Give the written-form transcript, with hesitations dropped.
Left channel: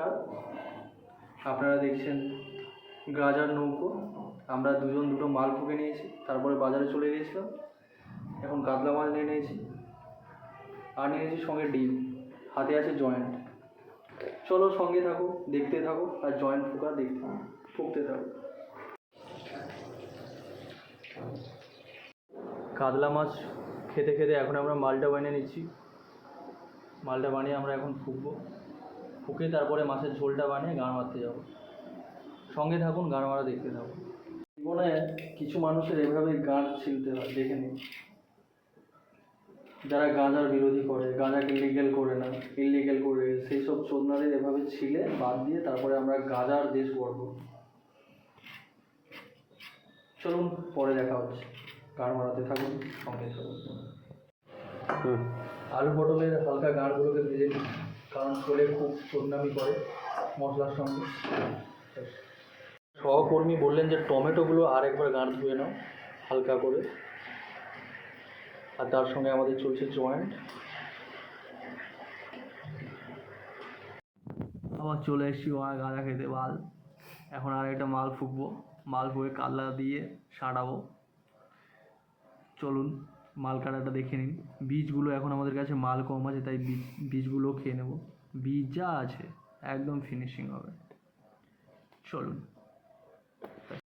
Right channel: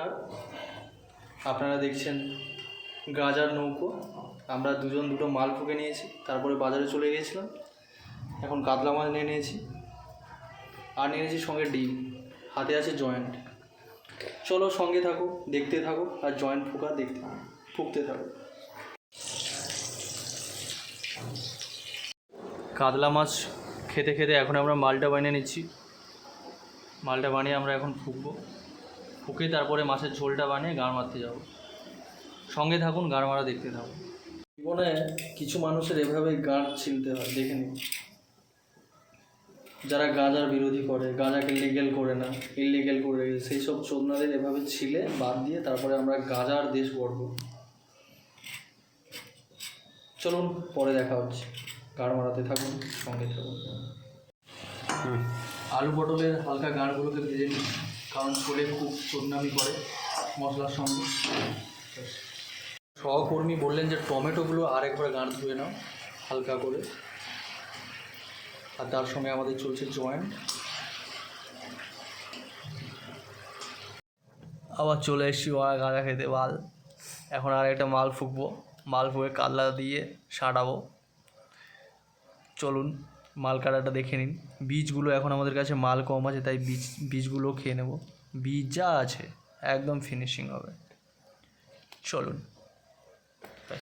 নমস্কার, আপনারা দেখছেন গাজার নৌকো। আমরা দুটো মাল ঠুকে নিয়েছি, তারপরে বাজারে চলে গিয়েছিলাম। এখন কাতলা মাছ নিয়ে নিয়েছি, আর নিয়ে নিয়েছি সঙ্গে ডিম, হাতে আছে জয়েন্ট। চলো সঙ্গে থাকো, দেখতে থাকো, আর জয়েন্ট ফুকতে থাকো। কাতলা মাছ খেতে খেতে এখন আমরা মালটা বানিয়ে নিচ্ছি। মালটা বানিয়ে আমরা এখন ফুকে তারপরে মাছের ঝোলটা বানিয়ে গাঁড় মারতে যাবো। সঙ্গে থাকুন, গাঁড় মারা দেখতে থাকুন। জীবনে কিছু মানুষের এভাবে গাঁড় ছিলতে হয়, দেখে নিন। যারা গাঁজার বিরোধী করে, গাঁজাকে লিগেল করে না, ইললিগেল করে, সেই সব চোদনাদের এভাবে ছিলে বাদ দিয়ে তারপরে আমরা গাঁজার দেশ গড়ব। চলুন, পরে দেখা হচ্ছে। গাঁড় মারাতে থাকুন, সঙ্গে থাকুন। আলু পটলের হালকা গাঁড়গুলোকে ভেজে নিন, কারণ ছোলে খুব চোদনামি করে মশলার সঙ্গে। সহকর্মী বললেন যে টমেটোগুলো আরেকবার গাঁড় ধুয়ে নাও হালকা করে, আর তার সঙ্গে আমাদের চলছে জয়েন্ট। আবার চলে এসেছি ওরা গাঁজা খেতে। এখন আর একটা মাল ফুকবো, মাল ফুকে কাতলা দিয়ে সাঁটাবো। চলুন মাল কাটাটা দেখে নিন। বীজগুলো এখন আমাদের কাছে মাল কম আছে, তাই বীজগুলো খেয়ে নেব। বীজ যা আছে একদম ফিনিশিং হবে। চলুন।